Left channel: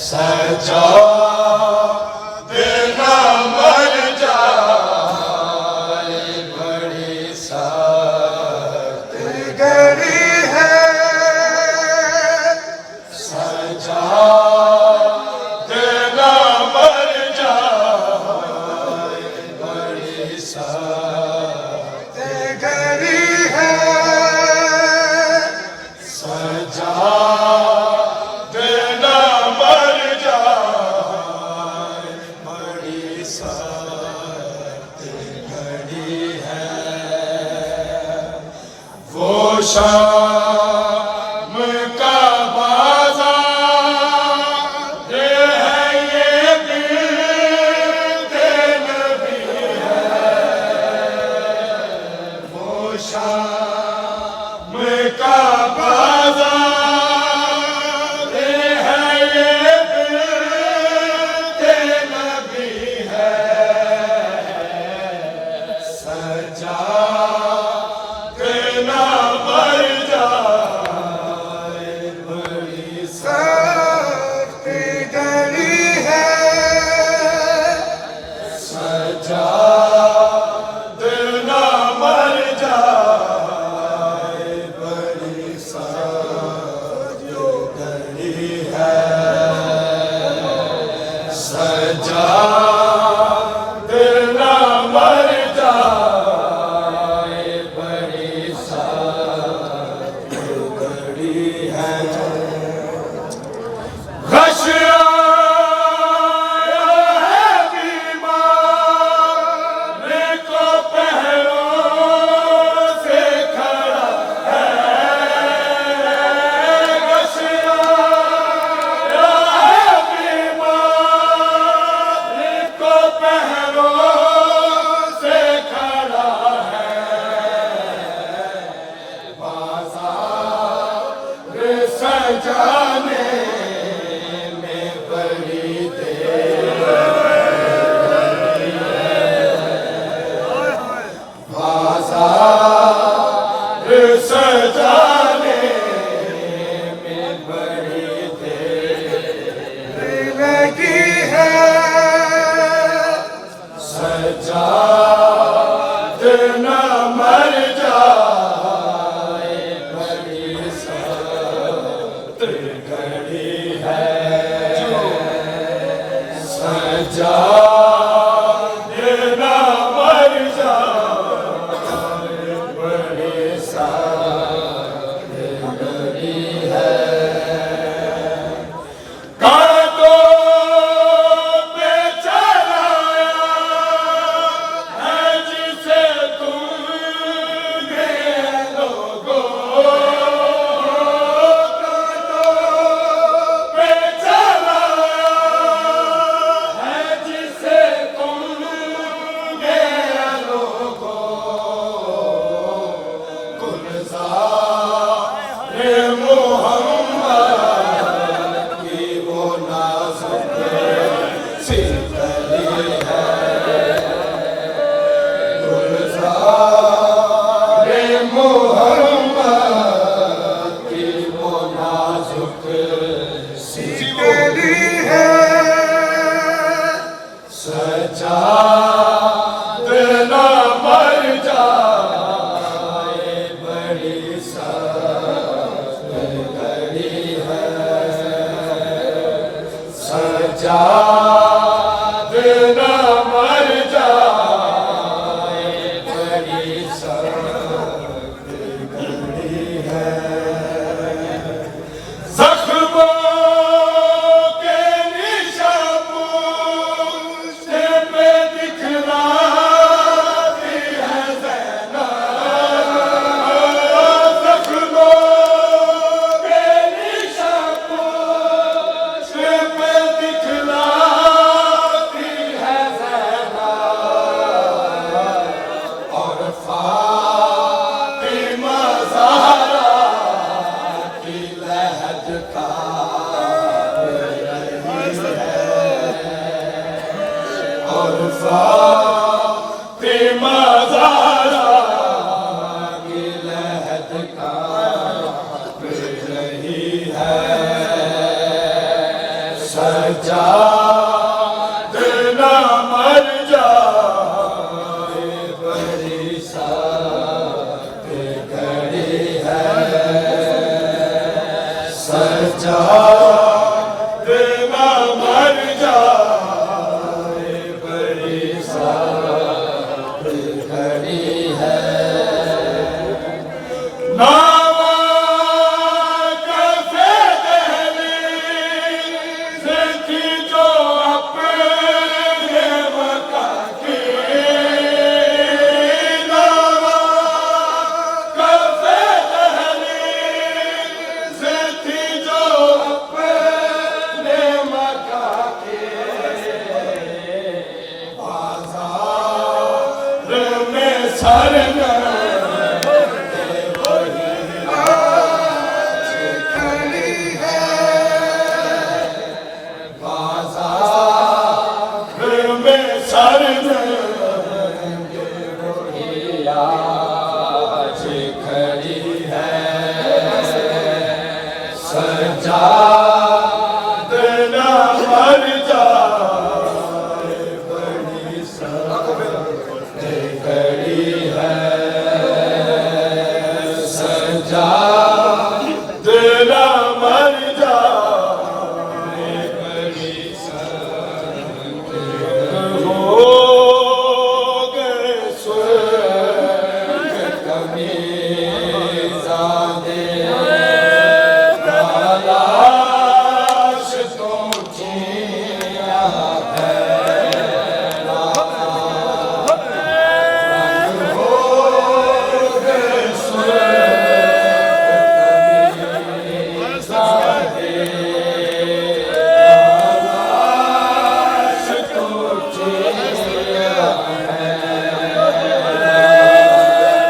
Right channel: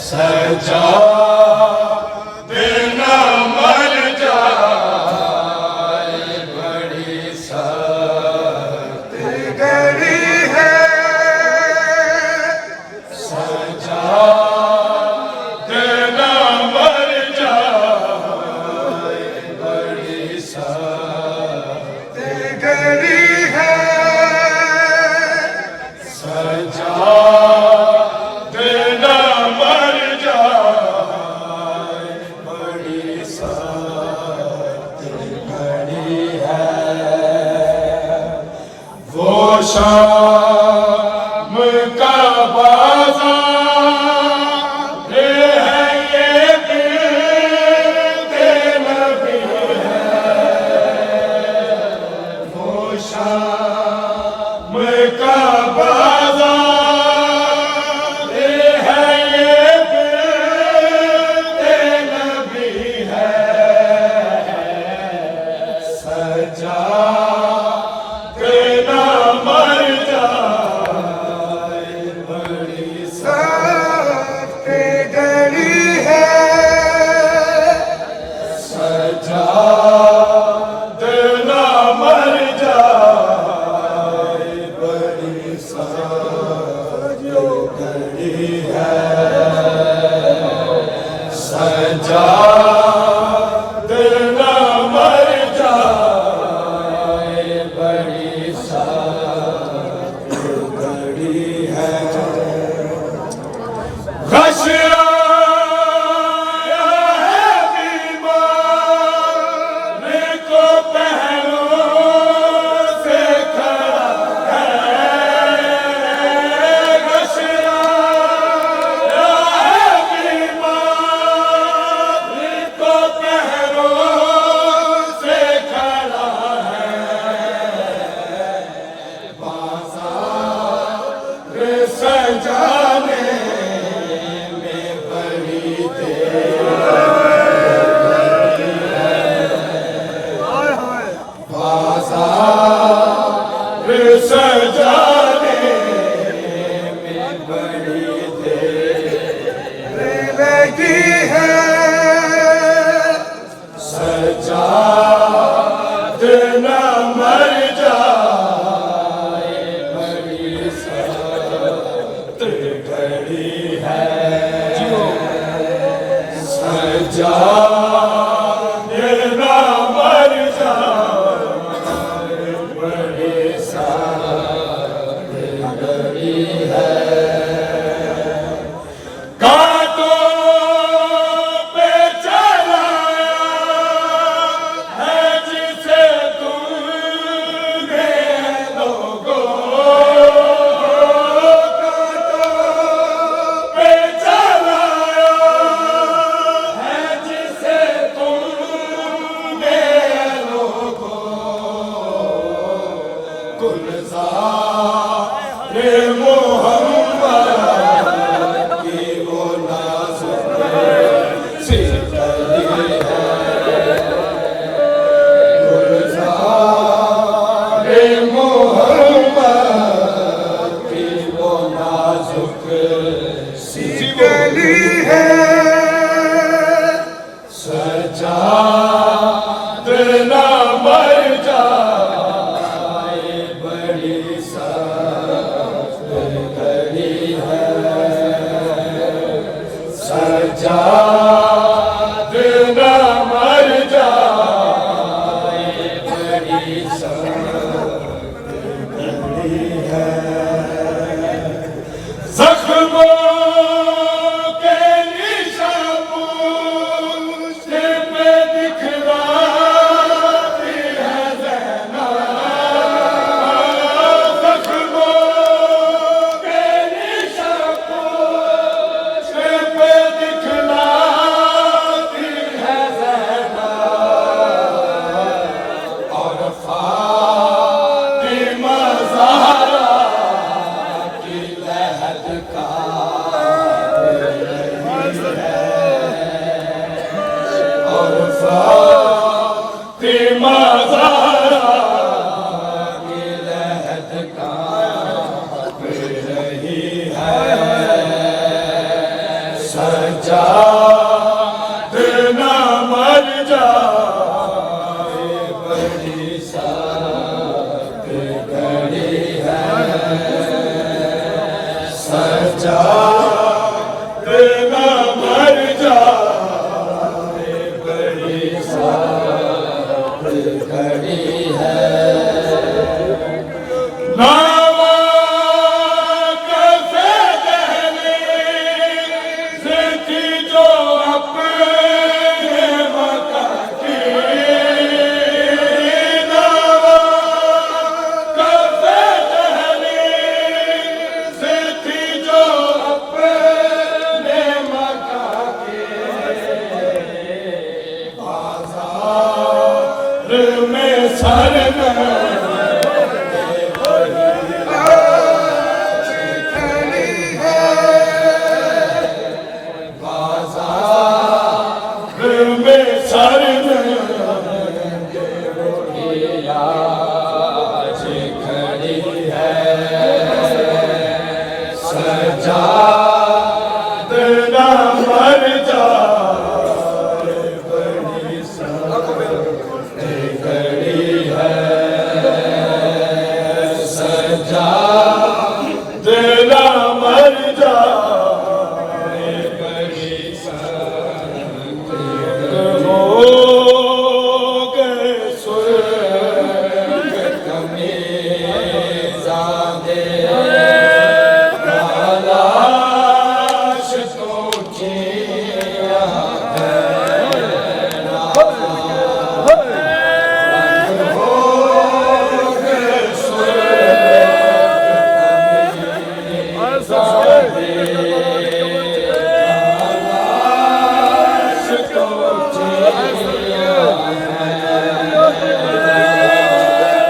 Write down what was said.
सजा देना मर जाए बड़ी सख्त घड़ी है। सजा देना मर जाए बड़ी सख्त घड़ी है। सजा देना मर जाए बड़ी सख्त घड़ी है। वो शाम का बाज़ार है ये गिरते नबी है। वो शाम का बाज़ार है ये गिरते नबी है। सजा देना मर जाए बड़ी सख्त घड़ी है। सजा देना मर जाए बड़ी सख्त घड़ी है। सजा देना मर जाए बड़ी सख्त घड़ी है। घश आया है बीमार को पहलों से खड़ा है। घश आया है बीमार को पहलों से खड़ा है। बाज़ार सजाने में बड़ी देर बाज़ार सजाने में बड़ी देर लगी है। सजा देना मर जाए बड़ी सख्त घड़ी है। सजा देना मर जाए बड़ी सख्त घड़ी है। कांटों पे चलाया है जिसे तुमने लोगों। कांटों पे चलाया है जिसे तुमने लोगों। गुलज़ारे मोहम्मद की वो नाज़ुक सी कली है। गुलज़ारे मोहम्मद की वो नाज़ुक सी कली है। सजा देना मर जाए बड़ी सख्त घड़ी है। सजा देना मर जाए बड़ी सख्त घड़ी है। ज़ख्मों के निशान पूछे पे दिखलाती है ज़ैनब। ज़ख्मों के निशान पूछे पे दिखलाती सजाद न मर जाए बड़ी साथ घड़ी है सजाद न मर जाए बड़ी साथ घड़ी है नावा कैसे दहलीज थी जो अपने वक़्त की नावा कैसे दहलीज थी जो अपने मक्का की बाज़ार में सर में सर